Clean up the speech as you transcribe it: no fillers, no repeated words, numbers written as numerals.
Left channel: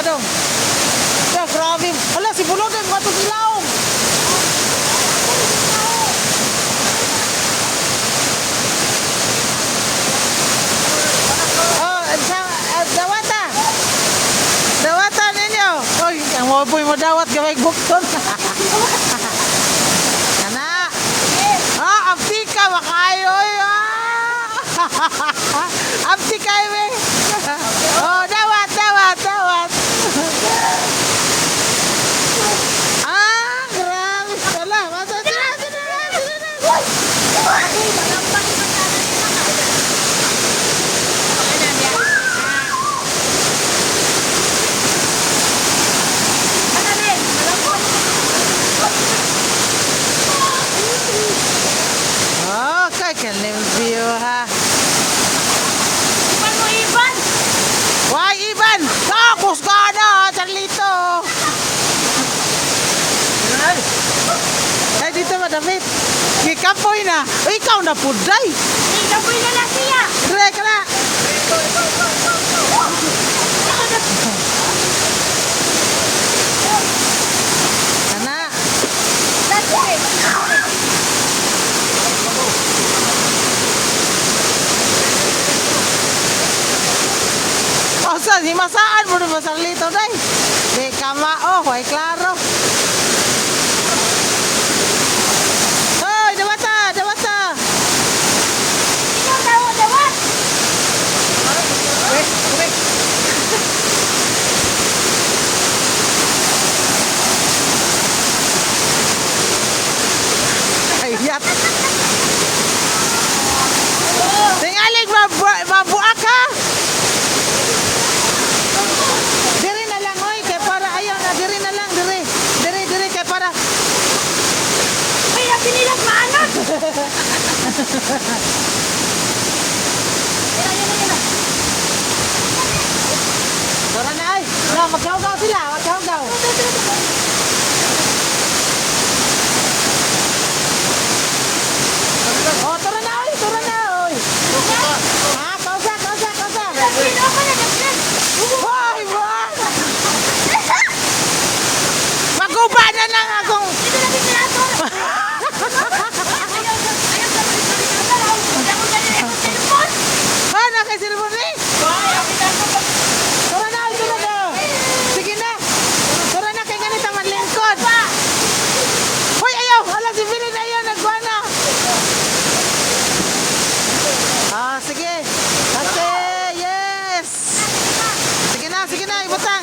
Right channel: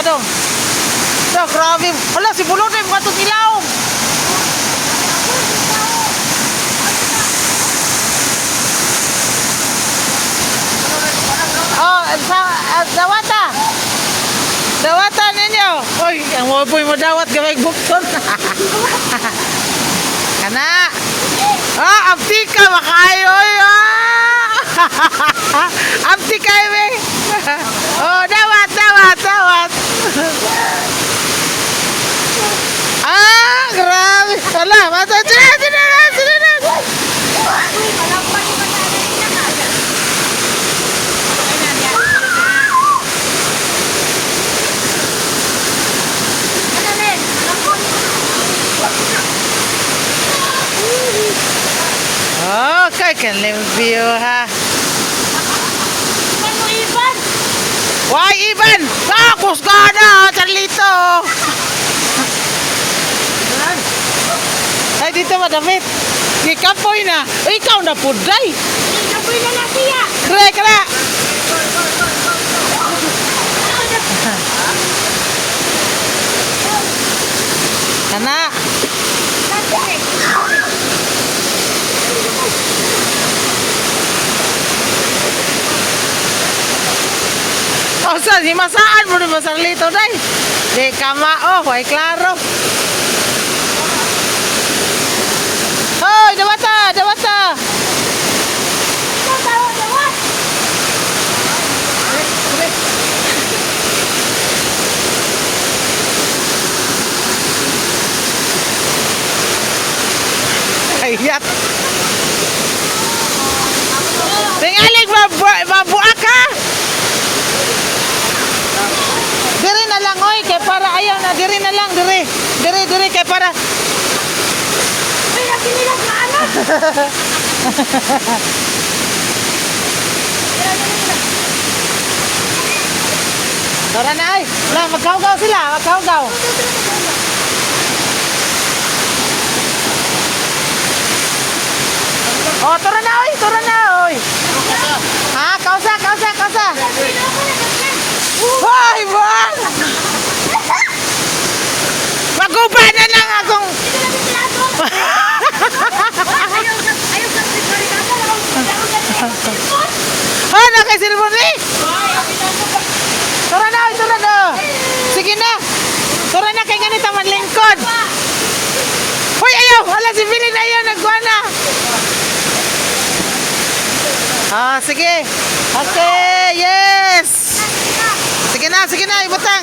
ka dong. Da, grabe. Hala, si Bulod ay mga itong ilaw. Oh, dawata. Dawata ninyo. Uy, ang waboy mo dawat gawag bukton. Kana. Ah, abdi ka makayo. Abdi kayo eh. Oh, dawat. Ah, grabe. Wala, mata. Sila. Okay, can limpyo ha. Iban mo, Iban! Why, Iban? Takos ka na, Charlito. Ay, dito madamit. Kikapoy na. Uy, ikaw na puday. Ikapoy na lang siya! Kre, kra. Ana. O, saan? Himasaan mo rin ba sa Charlito, day? Di kama, way klaro. Hoy, dawata. Ikaw dawat! Ayat. Tingalig mabuak ha. Diri na lang oy kay para ayaw na diri na lang diri. Diri kay para. Ay, lagi nilang maanot! Tara na ay. Na magkaugaw sila, magkaugaw. Oh, tara na oy. Ha, kausa. Pino ko na naman! Hoy, bang! Maguba na lang akong. Ito lagi sila ito! Ayaw sa barikada! Ako na rin ang telepon! Ha, nakasilbon ni? Tara na, ito na. Sige na. Tara na, kay ganito man lingkod. Hoy, ayaw. Hala, si Billy na ayaw. Nagwa na. Ah, sige. Okay, yes. Sige na, ibutang.